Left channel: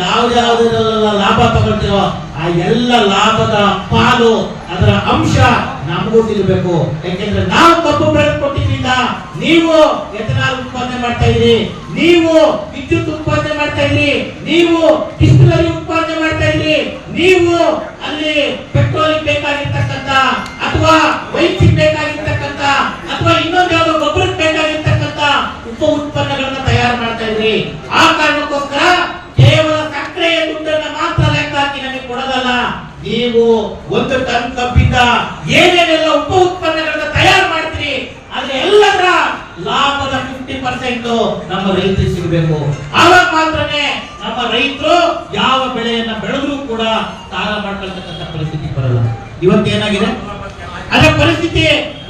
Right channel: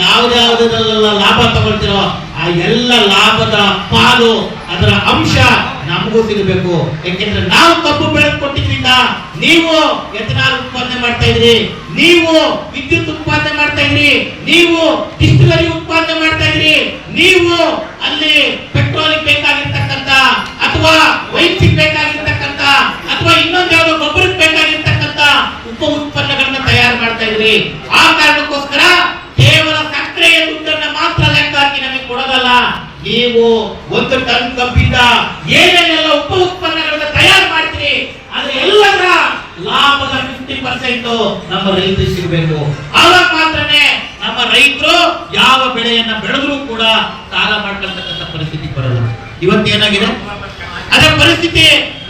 ಯಾವ್ದಾವ್ದೆಲ್ಲ ಲಾಭ ತಗೊಳ್ತೀರೋ ಆ ಎಲ್ಲ ಲಾಭದ ಪಾಲು ಅದರ ಅಂಶ ನಮಗೂ ಸಿಗಬೇಕು. ಯಾಕೆಂದ್ರೆ ನಾವು ಕಬ್ಬು ಬೆಳೆದು ಕೊಟ್ಟಿದ್ರಿಂದ ನೀವು ಎಥನಾಲ್ ಉತ್ಪಾದನೆ ಮಾಡ್ತಾ ಇದ್ರಿ, ನೀವು ವಿದ್ಯುತ್ ಉತ್ಪಾದನೆ ಮಾಡ್ತಾ ಇದ್ರಿ, ನೀವು ಡಿಸ್ಟಿಲರಿ ಉತ್ಪಾದನೆ ಮಾಡ್ತಾ ಇದ್ರಿ, ನೀವು ಅಲ್ಲಿ ಪೆಟ್ರೋಲ್ ಬೇಕಾಗಿರ್ತಕ್ಕಂತ ಅಥವಾ ವೈದ್ಯಕ್ ಬೇಕಾಗಿರ್ತಕ್ಕಂತ ಅಥವಾ ಇನ್ನೊಂದು ಗೊಬ್ಬರಕ್ಕೆ ಬೇಕಾಗಿರ್ತಕ್ಕಂತ ಉಪ ಉತ್ಪನ್ನಗಳನ್ನ ತಯಾರು ಮಾಡ್ತಾ ಇದ್ರಿ ಆ ಕಾರಣಕ್ಕೋಸ್ಕರ ಕೇವಲ ಸಕ್ಕರೆಯ ದುಡ್ಡನ್ನ ಮಾತ್ರ ಲೆಕ್ಕ ಹಾಕಿ ನಮಗೆ ಕೊಡೋದಲ್ಲ ನೀವು ಒಂದು ಟನ್ ಕಬ್ಬಿಂದ ಏನೇನೆಲ್ಲ ಉಪ ಉತ್ಪನ್ನಗಳನ್ನ ತಯಾರು ಮಾಡ್ತೀರಿ ಅಲ್ಲಿ ಎಲ್ಲದರ ಲಾಭದ ಫಿಫ್ಟಿ ಪರ್ಸೆಂಟ್ ನಮ್ಮ ರೈತರಿಗೆ ಸಿಗಬೇಕು. ಆವಾಗ ಮಾತ್ರನೇ ನಮ್ಮ ರೈತರು ಯಾವ ಬೆಳೆಯನ್ನ ಬೆಳೆದ್ರು ಕೂಡ ಸಾಲ ಮಾಡ್ಕೊಳ್ತಕ್ಕಂಥ ಪರಿಸ್ಥಿತಿ ಬರಲ್ಲ. ಇವತ್ತೇನಾಗಿದೆ? ಅದೇ ಪರಿಸ್ಥಿತಿ,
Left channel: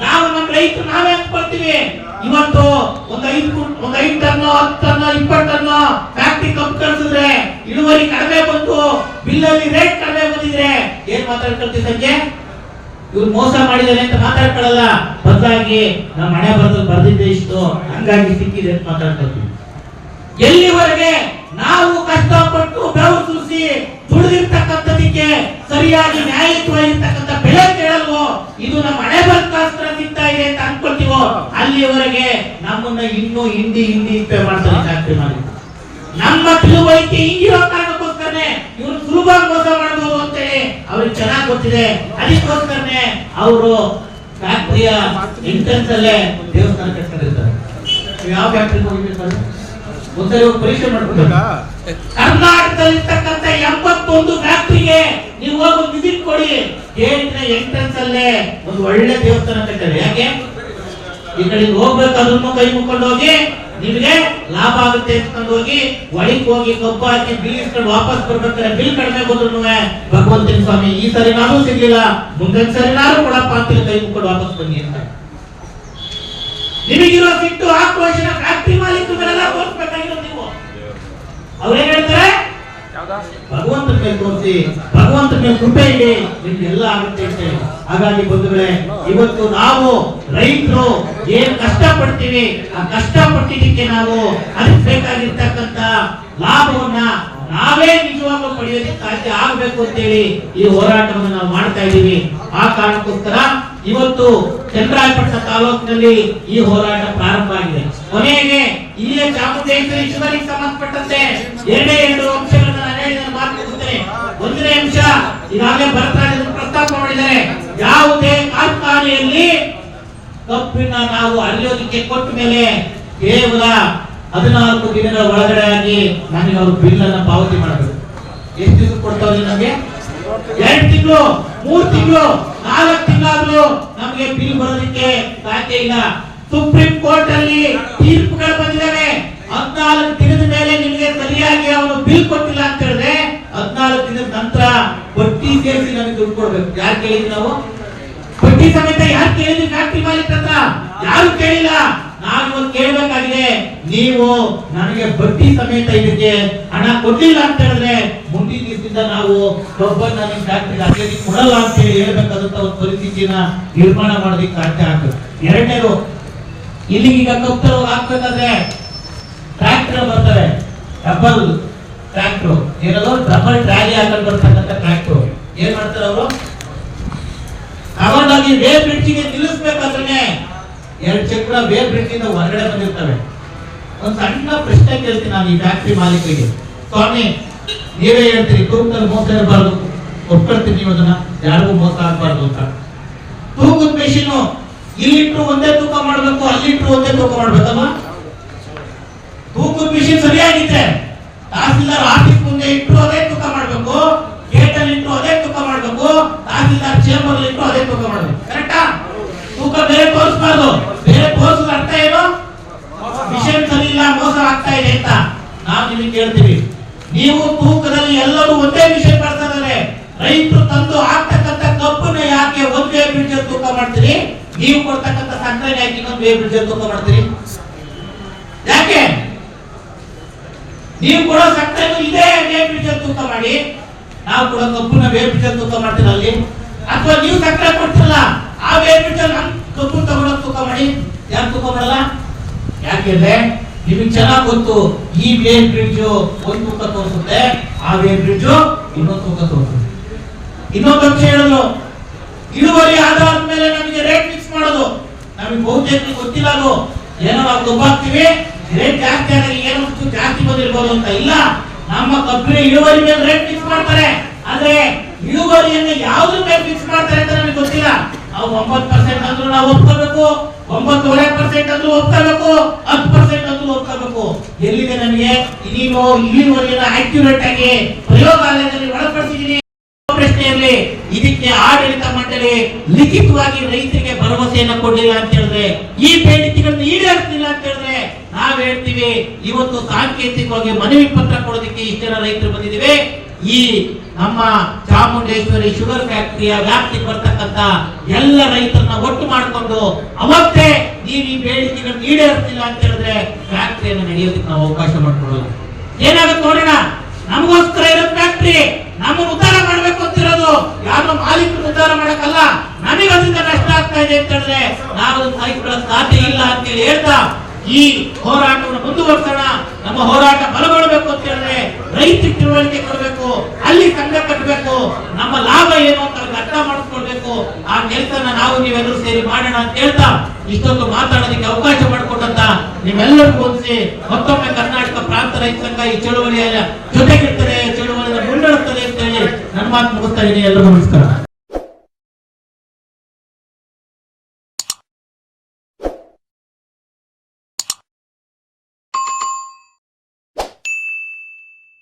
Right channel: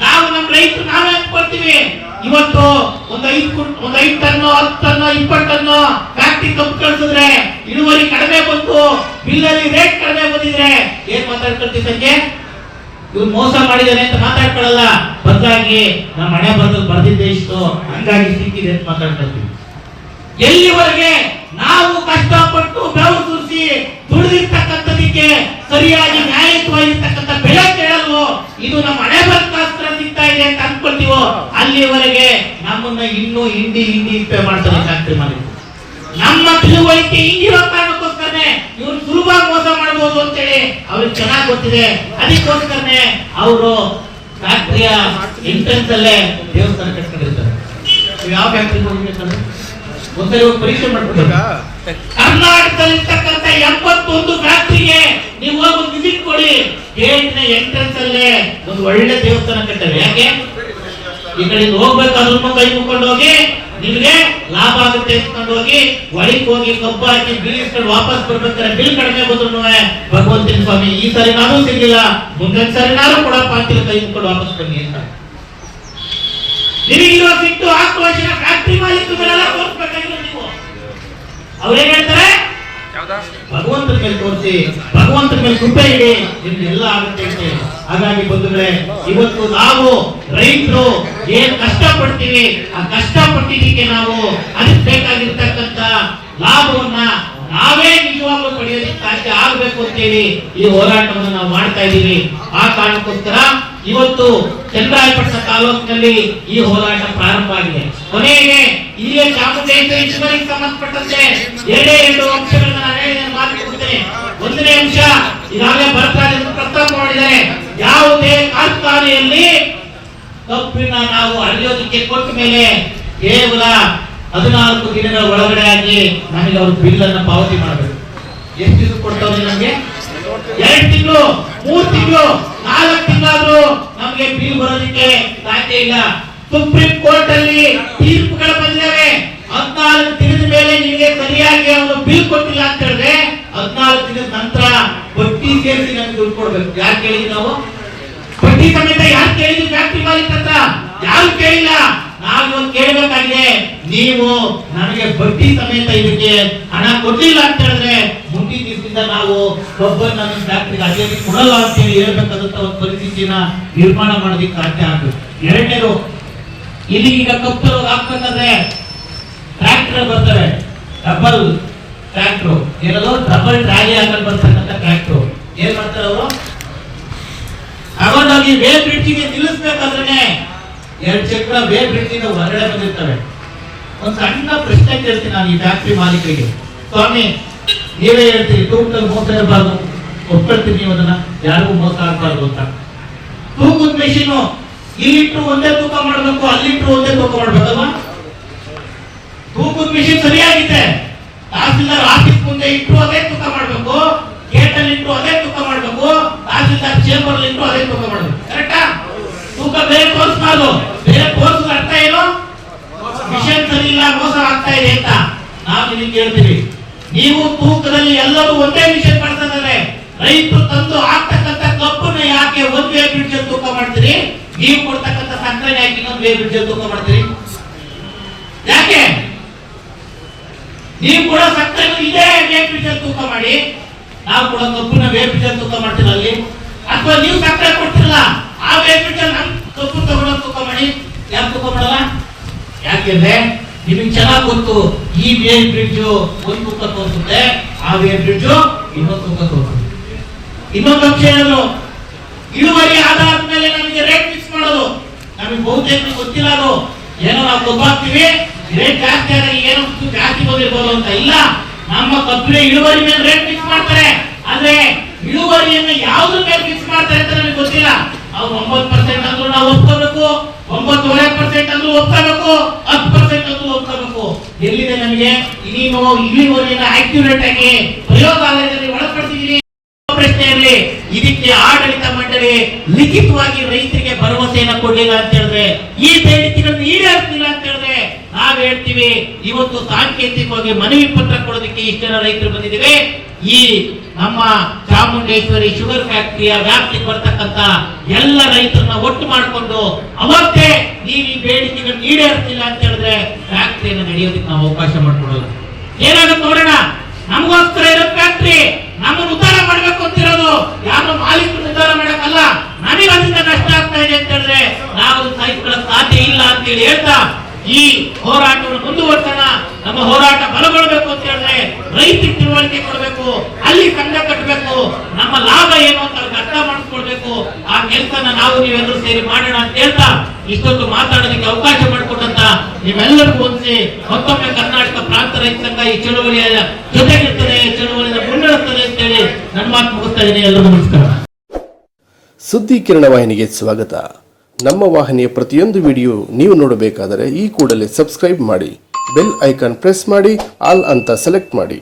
ನಾವು ನಮ್ಮ ರೈತರು ನಾವೇ ಅನ್ಕೊಳ್ತೀವಿ ಇವತ್ತು ಒಂದ್ ಐದು ಒಂದ್ ಐದು ಟನ್ ಹತ್ತು ಟನ್ ಇಪ್ಪತ್ತು ಟನ್ ಫ್ಯಾಕ್ಟ್ರಿ ಕಬ್ಬು ಕಳ್ಸಿದ್ರೆ ಇಳುವರಿ ಕಡಿಮೆ ಬಂತು ಬಿಲ್ಲಲ್ಲಿ ರೇಟ್ ಕಡಿಮೆ ಬಂದಿದ್ರೆ ಏನ್ ಮಾತಾಡ್ಕೊಳ್ತೀವಿ ಸಂಜೆ? ಇವ್ರು ಮೋಸ ಮಾಡಿದಾನೆ ಅಂತ ಮಾತಾಡ್ಕೊಳ್ಳಲ್ಲ ಬದಲಾಗಿ ನಮ್ಮ ಮನೆ ಬಂದು ಬರ್ದಿದ್ದೆ ಇಷ್ಟು ಹಂಗಾಗಿ ಸಿಕ್ಕಿದೆ ಅಂತ ಮಾತಾಡ್ಕೊಳ್ತೀವಿ. ಎಲ್ಲಿವರೆಗೆ ನಾವು ಕಷ್ಟಪಟ್ಟು ಬೆವರು ಸುರಿಸಿ ದುಡಿದಿರ್ತಕ್ಕಂಥದಕ್ಕೆ ಸರಿಯಾಗಿ ನ್ಯಾಯಯುತವಾಗಿರ್ತಕ್ಕಂಥ ಬೆಲೆ ಕೇಳಲ್ವೋ, ಇದು ನಮ್ಮ ಹಣೆ ಬರ್ಕಾಸ್ತ್ರ ಸಿಗ್ತಾ ಇದೆ ಅಂತ ಅನ್ಕೊಳ್ತೀವೋ ಅಲ್ಲಿವರೆಗೆ ನಮ್ಮನ್ನ ಇನ್ನೂ ಹಿಂದಿ ಹಿಂದಿ ಹಿಂಪೆ ಮಾಡ್ತಾರೆ ಫ್ಯಾಕ್ಟ್ರಿ ಮಾಲೀಕರು ನಮ್ಮ ತಿಳುವಳಿಕೆ ಹಿಂದಿ ಕಾರಣಕ್ಕೋಸ್ಕರನೇ ಇವರು ಸುಲಭವಾಗಿ ಮೋಸ ಮಾಡಬಹುದು ಅಂತೇಳಿ ಅವ್ರಿಗೆ ಚೆನ್ನಾಗಿ ಗೊತ್ತಿದೆ. ಅದಕ್ಕೋಸ್ಕರನೇ ಅವರು ಫ್ಯಾಕ್ಟ್ರಿಯ ಎಂಟ್ರೆನ್ಸ್ ಅಲ್ಲೇ ದೇವಸ್ಥಾನ ಕಟ್ಕೊಂಡಿರ್ತಾರೆ. ಯಾವ ಫ್ಯಾಕ್ಟ್ರಿಗೆ ಹೋಗ್ಬೇಕಂದ್ರೆ? ಒಂದ್ಸರಿ ಹೋಗಿ ಪರೀಕ್ಷೆ ಮಾಡ್ಕೊಳ್ಬೇಕು ಕರ್ನಾಟಕದಲ್ಲಿರ್ತಕ್ಕಂಥ ಎಂಬತ್ತೊಂದು ಫ್ಯಾಕ್ಟ್ರಿಗೆ ನೀವು ಹೋಗಿ ವಿಸಿಟ್ ಕೊಡಿ. ಗೇಟ್ನ ಎಂಟ್ರೆನ್ಸ್ ಅಲ್ಲೇ ಒಂದು ಒಳ್ಳೆ ದೇವಸ್ಥಾನ ಕಟ್ಟಿದೆ ಯಾಕೆ? ಈ ಕಡೆಯಿಂದ ಅದನ್ನು ಕೈ ಮುಕ್ಕೊಂಡು ಹೋಗಿ ನಿಮಗೆ ಲಾಭ ಆಗುತ್ತೆ ಅಂದ್ಕೊಂಡು ಹೋಗಿ ಒಳಗೆ ಹೋಗಿ ಕಬ್ಬು ಹಾಕಿ ಬಿಲ್ ಇಸ್ಕೊಂಡು ವಾಪಸ್ ಬರ್ಬೇಕಾದ್ರೆ ಬಿಲ್ ಕಡಿಮೆ ಬಂದ್ರು ಭಗವಂತನ ಸ್ವಾಮಿ ಈ ಸರಿ ನಾನು ಸಿಗ್ಲಿಲ್ಲ. ಮುಂದಿನ ಸರಿ ನಾನು ಕೂಡ ಅಂತಿಲ್ಲ ಕೈ ಮುಕ್ಕೊಂಡು ವಾಪಸ್ ಬನ್ನಿ ಅಂತ. ನಿಮಗಿರೋ ಸಿಟ್ಟು ಆಕ್ರೋಶನ ಫ್ಯಾಕ್ಟ್ರಿ ಮಾಲೀಕರೆಲ್ಲ ತೋರಿಸ್ಬೇಕಾಗಿಲ್ಲ ನೀವು. ಅವ್ರೇನ್ ಹೇಳ್ತಾರೆ? ಭಗವಂತನ ಮೇಲೆ ತೋರಿಸಿ ಭಗವಂತನ ಮೇಲೆ ಕೃಪೆ ಇಡಿ ನಿಮ್ಗೆಲ್ಲ ಆಗುತ್ತೆ ಅಂತ ಹೇಳಿ. ಹಾಗಾಗಿ ಬಂಧುಗಳೇ, ಇವತ್ತು ನಾವು ರೈತರು ಏನ್ ಕಷ್ಟ ಪಡ್ತೀವಿ ಆ ಕಷ್ಟ ಪಟ್ಟಿದ್ದಕ್ಕೆ ನಾವು ಅದಕ್ಕೆ ಬೇಕಾಗಿರ್ತಕ್ಕಂತ ಲಾಭವನ್ನ ನಾವೇ ನಿಜವಾಗ್ಲೂ ಪಡೆಯೋದಕ್ಕೆ ಸಾಧ್ಯ ಆಗ್ಬೇಕು ಅಂತೇಳಿ ಈ ಹೋರಾಟವನ್ನು ನಾವು ಮಾಡ್ತಾ ಇದ್ದೀವಿ. ಆ ಕಾರಣಕ್ಕೋಸ್ಕರ ಇವತ್ತು ಚಂದ್ರಾಯಪಟ್ಟಣ ತಾಲೂಕಿನಲ್ಲಿ ಈ ಹೋರಾಟ ಪ್ರಾರಂಭ ಆಗಿದೆ. ಕೊನೆಗೆ ಇಲ್ಲಿಯ ಚಾಮುಂಡೇಶ್ವರಿ ಈಶ್ವರಿಗೆ ಸಂಬಂಧಪಟ್ಟಂತೆ ಎರಡೇ ಎರಡು ಅಂಶಗಳನ್ನ ನಾನು ಒಂದನೇ ಅಂಶ, ಈಗಾಗಲೇ ಬರ್ತಾ ಇದೆ ಅಂತ ಪ್ರಸ್ತಾಪ ಮಾಡಿದ್ದಾರೆ ಯಾವುದೇ ಕಾರ್ಖಾನೆಯಲ್ಲಿ ಕಬ್ಬಿನ ನಾವು ಅರಿಯೋದಕ್ಕೆ ಕೊಟ್ಟ ಮೇಲೆ ಕೇವಲ ಹದಿನಾಲ್ಕು ದಿನಗಳ ಒಳಗಡೆ ಆಗಿ ನಮಗೆ ಅವರು ಬಿಲ್ ಅನ್ನ ಪಾವತಿ ಮಾಡಬೇಕು. ಎಷ್ಟು ದಿವಸ ಕೊಡ್ತಾವ್ರಿ ನಮಗೆ? ಎರಡು ತಿಂಗಳು, ಮೂರು ತಿಂಗಳು, ನಾಲ್ಕು ತಿಂಗಳಾದ್ರೂ ನಮಗೆ ಬಿಲ್ ಬರೋದಕ್ಕೆ ಸಾಧ್ಯ ಇಲ್ಲ. ಸುಪ್ರೀಂ ಕೋರ್ಟ್ ಅಲ್ಲಿ ತೀರ್ಪುಗಳು ಬಂದಿದ್ದಾವೆ. ಹದಿನಾಲ್ಕು ದಿನದ ಮೇಲೆ ನಿಮಗೆ ಸರಿಯಾಗಿ ಅವನು ಬಿಲ್ ಕೊಟ್ಟಿಲ್ಲ ಅಂತ ಹೇಳಿದ್ರೆ ಹದಿನಾಲ್ಕು ದಿನದ ನಂತರ ಬಡ್ಡಿ ಸೇರಿಸಿ ನಮಗೆ ದುಡ್ಡು ಕೊಡ್ಬೇಕು. ಯಾರು ಕೇಳಿದ್ವಿ ನಾವು? ಬಡ್ಡಿ ಸಮೇತ ಯಾಕೆ ಕೇಳಿದ್ವಿ? ಫ್ಯಾಕ್ಟ್ರಿ ಮಾಲೀಕ ಯಾರು ಕೇಳಿಲ್ಲ? ನಾನು ಕೇಳಬೇಕಾಗಿದೆ. ನೀವು ನನಗೆ ಬಡ್ಡಿ ಸಮೇತ ಇದಕ್ಕೆ ಹಣ ಕೊಟ್ಟಿಲ್ಲ ಅಂತ ಹೇಳಿದ್ರೆ ಮುಂದಿನ ದಿವಸದಿಂದ ನಾವು ಒಬ್ಬರು ನಮ್ಮ ಫ್ಯಾಕ್ಟ್ರಿಗೆ ಕೊಡಲ್ಲ ಅಂತ ಹೇಳಿ ಹೇಳ್ಬೇಕಾದಂತ ಒಂದು ಪರಿಸ್ಥಿತಿನ ನಿರ್ಮಾಣ ಮಾಡೋದಕ್ಕೆ ಸಾಧ್ಯ ಆಗ್ತದೆ. ಎರಡನೇದು, ಇಲ್ಲಿ ಈಗ ಕಪ್ಪು ಹಾಕ್ಬೇಕಂದ್ರೆ ಟ್ರ್ಯಾಕ್ಟರ್ ಬರ್ತವೆ. ಡಬಲ್ ಟ್ರ್ಯಾಕ್ಟರ್ ಏನದು? ಡಬಲ್ ಟ್ರಾಲಿ ಹಾಕೊಂಡು ಬರ್ತಕ್ಕಂಥ ಟ್ರ್ಯಾಕ್ಟರ್ ಏನ್ ಮಾಡ್ತಾರೆ ಅವರು? ಅವಾಗ ವೇರ್ ಬ್ರಿಡ್ಜಿಗೆ ನಿಲ್ಲಿಸ್ಬೇಕಾದ್ರೆ ಎರಡು ಚಕ್ರ ಬೇರೆ ಬ್ರಿಡ್ಜಿಂದ ಹೊರಗಡೆ ಬಂದಿರ್ತವೆ. ಒಂದು ಸಣ್ಣ ಪ್ರಶ್ನೆ ಕೇಳ್ತೀನಿ ನಾನು ಈ ಫ್ಯಾಕ್ಟ್ರಿ ಮಾಲೀಕರಿಗೆ. ಸ್ವಾಮಿ, ನೀವೇ ಹೇಳ್ತೀರಿ ತೂಕದಲ್ಲಿ ಮೋಸ ಇರಬಾರ್ದು. ಒಪ್ಕೊಳ್ತೀನಿ ಅದನ್ನ ಯಾರಿಗೂ ಮೋಸ ಆಗಬಾರ್ದು ಅಂತ. ತೂಕದ ಮೆಷಿನು ಇಲ್ಲಿಟ್ಟು ಒಂದೇ ತೂಕ ಮಾಡಬೇಕು ಅಲ್ಲಿಟ್ಟು ಒಂದೇ ತೂಕ ಮಾಡ್ಬೇಕಲ್ವಾ? ತೂಕದ ಮಿಷಿನ್ ಸರಿಯಾಗಿದೆ. ತಹಸೀಲ್ದಾರ್ ಆಫೀಸ್ ಮುಂದೆ ಇಟ್ಟು ಅದೇ ತೂಕ ಮಾಡಬೇಕು ಗೇಟ್ ಅಲ್ಲಿ ಇಟ್ಟು ಅದೇ ತೂಕ ಮಾಡಬೇಕು, ತಹಸೀಲ್ದಾರ್ ಚೇಂಬರ್ ಇಟ್ಟು ಅದೇ ತೂಕ ಮಾಡಬೇಕು. ಕರೆಕ್ಟಾ ತೂಕ ಬೇರೆ ತೋರಿಸಬಾರ್ದು ಬೇರೆ ತೋರಿಸಿದ ಅರ್ಥ ಏನು ಮಿಷನ್ ಸರಿ ಇಲ್ಲ ಮೋಸ ಆಗ್ತಾ ಇದೆ ಅಂತ ನಾವು ನಿಮಗೆ ಕೇಳ್ತೀವಿ ನೀವು ತೂಕದಲ್ಲಿ ಎಲ್ಲರೂ ಒಂದೇ ವಿಷಯ ಮಾಡ್ತಾರೆ ರೈತರು ತಂದು ಆಗ್ತಕ್ಕಂತ ಕಬ್ಬನ್ನ ಯಾಕೆ ಒಂದೇ ಬ್ರಿಡ್ಜ್ ತೂಕ ಮಾಡ್ತೀರಿ? ನೀವು ಕೊಡ್ತಕ್ಕಂತ ಸಕ್ಕರೆ ಯಾಕೆ ಇನ್ನೊಂದು ಬ್ರಿಡ್ಜ್ ತೂಕ ಮಾಡ್ತೀರಿ? ಯಾಕೆ? ನೀವು ಕೊಡೋ ಸಕ್ಕರೆ ಇದೇ ವೇ ಬ್ರಿಡ್ಜ್ ತೂಕ ಮಾಡಿ, ನಾವು ಕೊಡೋ ಕಬ್ಬನ್ನ ವೇ ಬ್ರಿಡ್ಜ್ ತೂಕ ಮಾಡ್ತೀರ ಅಲ್ಲಿ? ಅಥವಾ ನೀವು ಸಕ್ಕರೆ ಕೊಡ್ತಿರಲ್ಲ, ಆ ವೇ ಬ್ರಿಡ್ಜ್ ಕಬ್ಬು ತಗೊಂಡ ತೂಕ ಮಾಡಿ. ಯಾಕೆ ತೂಕ ಮಾಡಲ್ಲ? ಯಾಕೆಂದ್ರೆ ನಿಮಗೆ ಚೆನ್ನಾಗಿ ಗೊತ್ತು, ಈ ವೇರ್ ಬ್ರಿಡ್ಜ್ ಒಂದು ತೂಕ ತೋರಿಸುತ್ತೆ, ಆ ವೇರ್ ಬ್ರಿಡ್ಜ್ ಇನ್ನೊಂದು ತೂಕ ತೋರಿಸುತ್ತೆ. ಇನ್ನೊಂದು ಅಂಶ ಹೇಳಿದ್ರು ಇಳುವರಿ ಆಧಾರದ ಮೇಲೆ ನಮಗೆ ರೇಟ್ ಫಿಕ್ಸ್ ಮಾಡೋದು. ನಮಗೆ ಬಹುತೇಕ ಗೊತ್ತಿಲ್ಲ ಅದು. ಏನೋ ನಾವು ಕಬ್ಬು ಹಾಕ್ತಿವಿ ರೇಟ್ ಜಾಸ್ತಿ ಆದಾಗ ಏನೋ ಒಂಚೂರು ಜಾಸ್ತಿ ಬಂದಿರ್ಬೋದು ಅಂತ ಇಲ್ಲ. ನಮ್ಮ ಕಬ್ಬಿನ ಇಳುವರಿ ಮೇಲೆ ರೇಟ್ ಫಿಕ್ಸ್ ಮಾಡ್ತಾರೆ. ಆದ್ರೆ ಇಳುವರಿಯನ್ನ ಯಾವ್ದ್ರ ಮೇಲೆ ಫಿಕ್ಸ್ ಮಾಡ್ತಾರೆ ಅಂತ ನಮಗೆ ಗೊತ್ತಿಲ್ಲ. ಅವ್ರು ಒಂಬತ್ತು ಪರ್ಸೆಂಟ್ ಅಂದ್ರೂ ನಾವು ಒಪ್ಕೋಬೇಕು ಒಂಬತ್ತುವರೆ ಪರ್ಸೆಂಟ್ ಅಂದ್ರೂ ಒಪ್ಕೋಬೇಕು, ಹತ್ತು ಪರ್ಸೆಂಟ್ ಅಂದ್ರೂ ಒಪ್ಕೋಬೇಕು. ಎಲ್ಲಿದೆ ನಮಗೆ? ನೀನು ಇಳುವರಿಯನ್ನ ಆಕ್ಯುರೇಟ್ ಆಗಿ ಪ್ರಯೋಗಾಲಯದಲ್ಲಿ ಒಳಪಡಿಸಿದೀನಿ ಪ್ರಶ್ನೆಯಲ್ಲಿ ಇದಕ್ಕೆ ಆಡಳಿತ ಮಂಡಳಿ ಲಿಖಿತವಾಗಿ ರೈತರಿಗೆ ಭರವಸೆಯನ್ನ ಕೊಡಲಿಲ್ಲ ಅಂತ ಹೇಳಿದ್ರೆ, ಈ ಬೇಡಿಕೆಗಳನ್ನು ಈಡೇರಿಸಲಿಲ್ಲ ಅಂತ ಹೇಳಿದ್ರೆ ನಾವ್ ಹೇಳ್ತೀವಿ, ಇವತ್ತು ಸಾಂಕೇತಿಕವಾಗಿ ಮನವಿ ಪತ್ರ ಕೊಡೋದಕ್ಕೆ ಇಷ್ಟೆಲ್ಲ ರೈತರು ಬಂದಿದ್ದೀವಿ. ಈ ನಮ್ಮ ಚಾಮುಂಡೇಶ್ವರಿ ಶುಗರ್ ಫ್ಯಾಕ್ಟರಿಯ ವ್ಯಾಪ್ತಿಗೆ ಬರ್ತಕ್ಕಂತ ಎಲ್ಲ ರೈತರನ್ನ ಒಟ್ಟು ಮಾಡಿಕೊಂಡು ಅವತ್ತೇ ನೀವು ಈ ಬೇಡಿಕೆಗಳನ್ನು ಈಡೇರ್ತಿಲ್ಲ ಅಂತ ಹೇಳಿದ್ರೆ ಫ್ಯಾಕ್ಟರಿಯನ್ನು ನಡೆಯೋದಕ್ಕೆ ನಾವು ಅವಕಾಶ ಮಾಡಿಕೊಡಲ್ಲ. ಏನಾಗುತ್ತೆ ನೋಡೋಣ? ನಮಗೋಸ್ಕರ ಇರೋ ಫ್ಯಾಕ್ಟರಿ ನಮ್ಮ ಉದ್ಧಾರ ಮಾಡ್ಬೇಕು ಅಂತಿರೋದು ಯಾರೋ ಮಾಲೀಕರು ಉದ್ಧಾರ ಮಾಡಕ್ಕಲ್ಲ. ಅದರಿಂದ ನಷ್ಟ ಆಗ್ತಾ ಇದೆ ಅಂತ ಹೇಳಿದ್ರೆ ನಾವು ಸಾಧ್ಯ ಇಲ್ಲ ಅಂತ ಹೇಳಿ ಹೇಳ್ತಾ ಈ ಹೋರಾಟವನ್ನು ಮುಂದುವರ್ಸೋಣ. ನಮ್ಮ ಹೋರಾಟ ಬಲಗೊಳ್ಳಬೇಕು ಅಂತ ಹೇಳಿದ್ರೆ ರೈತ ತಿಳುವಳಿಕೆ ಕೊಡಬೇಕು, ಅಲ್ಲಿ ತಂಡ ಕಟ್ಟಬೇಕು ನಮ್ಮ ಲಾಭ ಏನು ಅಂತ ಅರ್ಥ ಮಾಡಿಕೊಳ್ಬೇಕು. ಆ ಕೆಲಸನ ನಾವು ನೀವೆಲ್ಲರೂ ಸೇರಿ ಮಾಡೋಣ ಅಂತ ಹೇಳ್ತಾ ಇಷ್ಟೊಂದು ಮಾತಾಡೋದಕ್ಕೆ ಅವಕಾಶ ಮಾಡಿಕೊಟ್ಟಂತ ನೀವೆಲ್ಲರಿಗೂ ಒಂದಿಸಿ ಮತ್ತೊಮ್ಮೆ ಕರ್ನಾಟಕ ಪ್ರಾಂತ ರೈತ ಸಂಘ ಈ ಚಳುವಳಿಯ ಜೊತೆಗಿರ್ತದೆ ಚಳುವಳಿಯ ಮುನ್ನಡೆಸ್ತದೆ ಅಂತ ಹೇಳಿ ನನ್ನ ಮಾತು ಮುಗಿಸ್ತಾ ಇದ್ದೀನಿ. ಎಲ್ಲರಿಗೂ ನಮಸ್ಕಾರ. ಸುದ್ದಿ ಕಿರಣ ವಾಹಿನಿಗೆ ಸ್ವಾಗತ. ನಮ್ಮ ವಾಹಿನಿಯ ಪ್ರತಿಯೊಂದು ವಿಡಿಯೋ ನೀವು ನೋಡಬೇಕಾದರೆ ಈ ಕೂಡಲೇ ಸಬ್ಸ್ಕ್ರೈಬ್ ಮಾಡಿ. ಬೆಲ್ ಐಕಾನ್ ಪ್ರೆಸ್ ಮಾಡಿ ಆಲ್ ಅಂತ ಸೆಲೆಕ್ಟ್ ಮಾಡಿ.